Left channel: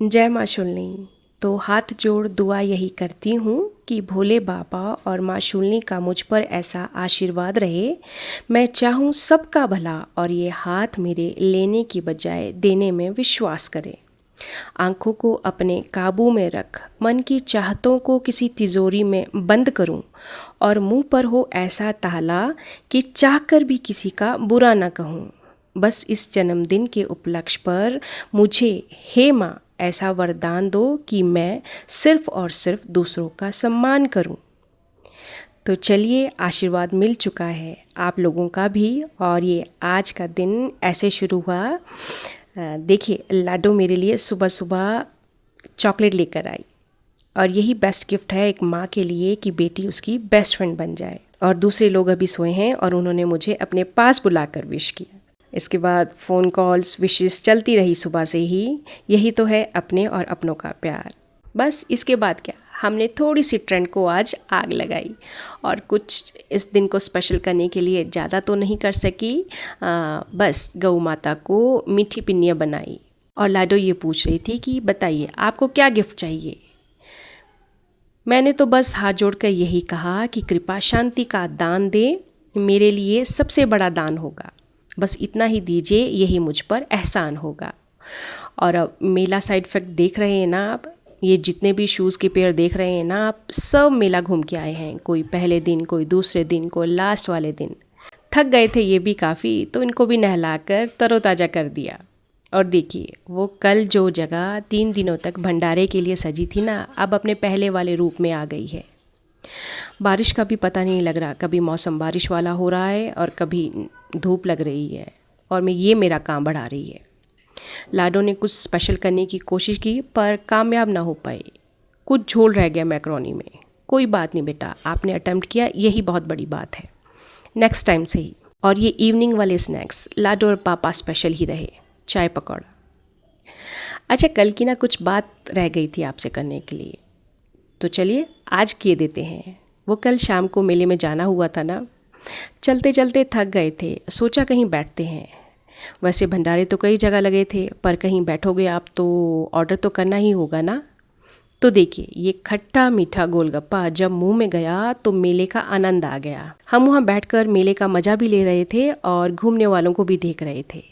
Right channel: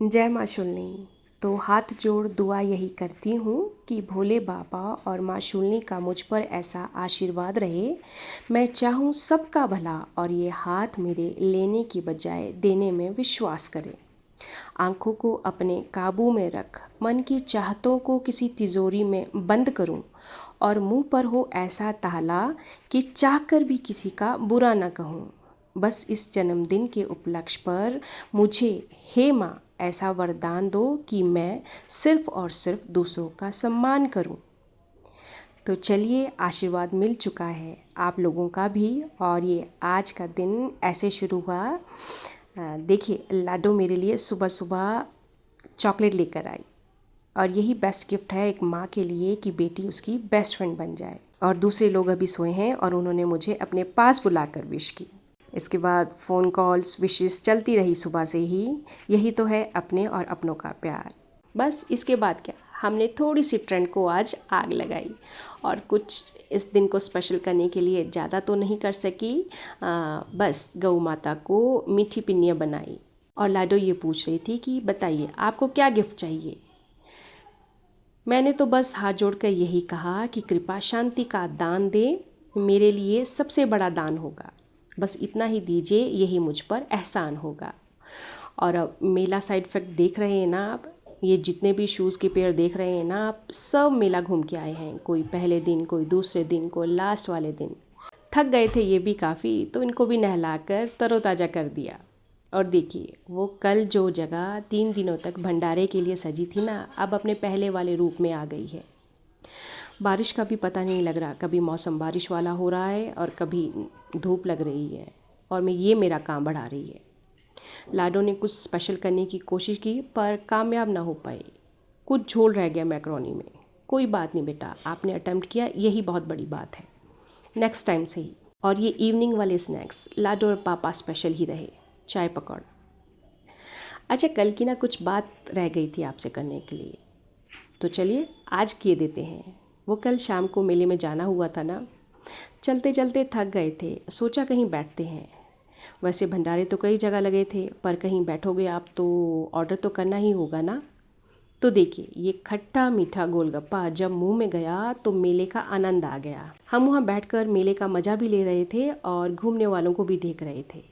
जय माँ शूलिनी। तो हाथ जोड़ दुआ यही करती हूँ कि भोले बाबा और माँ शूलिनी का मुझ पर ऐसा आशीर्वाद रहे। मैं चाहूँ सबका भला और ये हाथ मेरे लेने की बजाय देने में विश्वास करे। आँखों को अपने काबू में रख, मन की चाहतों को किसी तिजोरी में बंद करूँ और मुँह पर हो ऐसा ताला कि चाहकर भी किसी का बुरा न कहूँ। बस इस जन्मदिन के उपलक्ष्य पर मुझे हे माँ ऐसा वरदान दो कि मैं सिर्फ और सिर्फ दूसरों का सम्मान करूं। तो चलिए, आशीर्वाद मिल चुका है आप लोगों का भी और ये आज का दिन ऐसे शुरू हुआ। देखिए, लाडो मेरे लिए सुबह सुबह चॉकलेट लेकर आई और यही बेस्ट गिफ्ट है एक माँ के लिए कि बेटी उसकी बेस्ट फ्रेंड बन जाए। और दूसरे लोग अभी सोए हैं और उन्होंने मुझे अपने पास बुलाकर विश किया। इसके बाद फ़ोन कॉल्स विशेस चलती रही सुबह से ही। यही तो है अपने और अपनों का प्यार। बस इसके बाद क्या, हमने थोड़ी सी ट्रेंड को आज आग लगाई और कुछ इस दिन को स्पेशल करने के लिए ज़्यादा तो नहीं कर सकी। बस गौ माता को मीठी पिन्नियाँ बनाई और लाडो ये पूछ रही थी कि बताइए आपको क्या गिफ्ट चाहिए। मैंने तो बस हाथ जोड़कर यही कहा कि कृपा शांति का दान दे, मेरे लिए सबसे बड़ा दान होगा। बस इतना ही दीजिए, यही मुझ पर एहसान होगा। और अब मेला साइड इफेक्ट देख रहे हैं ना आप, ये जितने भी शूज़ के पेयर देख रहे हैं ना आप, सब मेला घूम के आए हैं। कोई पहले दिन, कोई दूसरे दिन, कोई लास्ट वाले दिन। थक गए थे ये भी काफ़ी, तो इनको भी नहलाकर तरोताज़ा कर दिया। और देखिए, वो कल जो जगह 3 दिनों तक भंडारे के लिए सजी थी ना, अब अपने पहले वाले रूप में आ गई है। बारिश का भी पता नहीं लग रहा, कभी मौसम बारिश वाला हो रहा है और कभी धूप लग रही है और ये मेरा काम बढ़ा रही है। लाडो ने कुछ स्पेशल करने की कोशिश की पर कामयाब ना हो पाए। कुछ झोल रह गया मैक्रोनी में। कोई बात नहीं बेटा, आपने अटेम्प्ट किया, यही बहुत बड़ी बात है। नेक्स्ट टाइम से ही। और ये इवनिंग वाले स्नैक्स लाडो और पापा स्पेशल ही रहे, चाय पकौड़ा। अच्छा, कल की ना कुछ बात रह गई थी आपसे करने के लिए, तो चलिए आज किए देते हैं। वो कल शाम को मेले में जाना हुआ था ना, चलते चलते थक गए थे, सोचा कहीं बैठते हैं। वैसे भंडारे तो कई जगह लगे थे, पर कहीं बैठोगे आप तो ऑर्डर तो करना ही होगा ना। तो देखिए, ये खट्टा मीठा गोलगप्पा जब मुंह में गया तो मेले का आनंद आ गया। हम वहाँ बैठकर मेले का मज़ा भी ले रहे थे और घूमने वालों को भी देख रहे थे।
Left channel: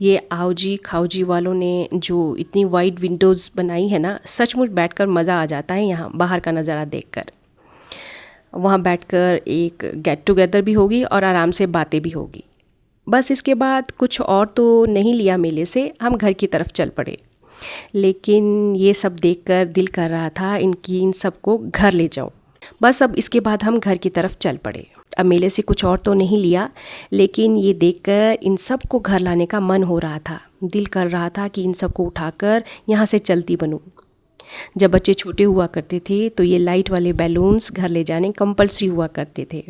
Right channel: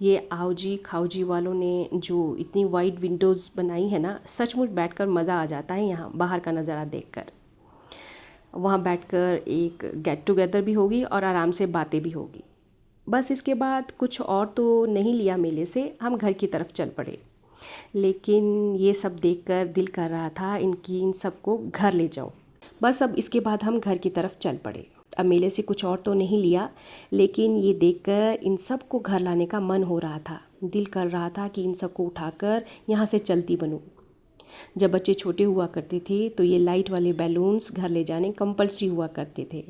ये आओजी खाओजी वालों ने जो इतनी वाइड विंडोज़ बनाई है ना, सचमुच बैठकर मज़ा आ जाता है यहाँ बाहर का नज़ारा देखकर। वहाँ बैठकर एक गेट टुगेदर भी होगी और आराम से बातें भी होगी। बस इसके बाद कुछ और तो नहीं लिया मेले से, हम घर की तरफ चल पड़े। लेकिन ये सब देखकर दिल कर रहा था इन सबको घर ले जाऊं। बस अब इसके बाद हम घर की तरफ चल पड़े। अब मेले से कुछ और तो नहीं लिया, लेकिन ये देखकर इन सबको घर लाने का मन हो रहा था। दिल कर रहा था कि इन सबको उठाकर यहाँ से चलती बनूं। जब बच्चे छोटे हुआ करते थे तो ये लाइट वाले बैलून्स घर ले जाने कंपल्सरी हुआ करते थे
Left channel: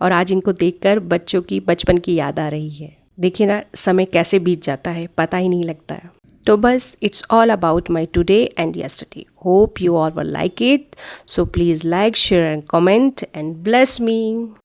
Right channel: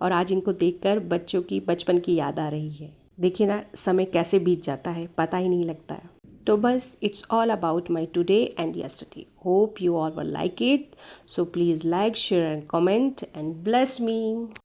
और आज इनको देखकर बच्चों की बचपन की याद आ रही है। देखिए ना, समय कैसे बीत जाता है, पता ही नहीं लगता है। तो बस it's all about my today and yesterday. Hope you all will like it. So please like, share and comment and bless me.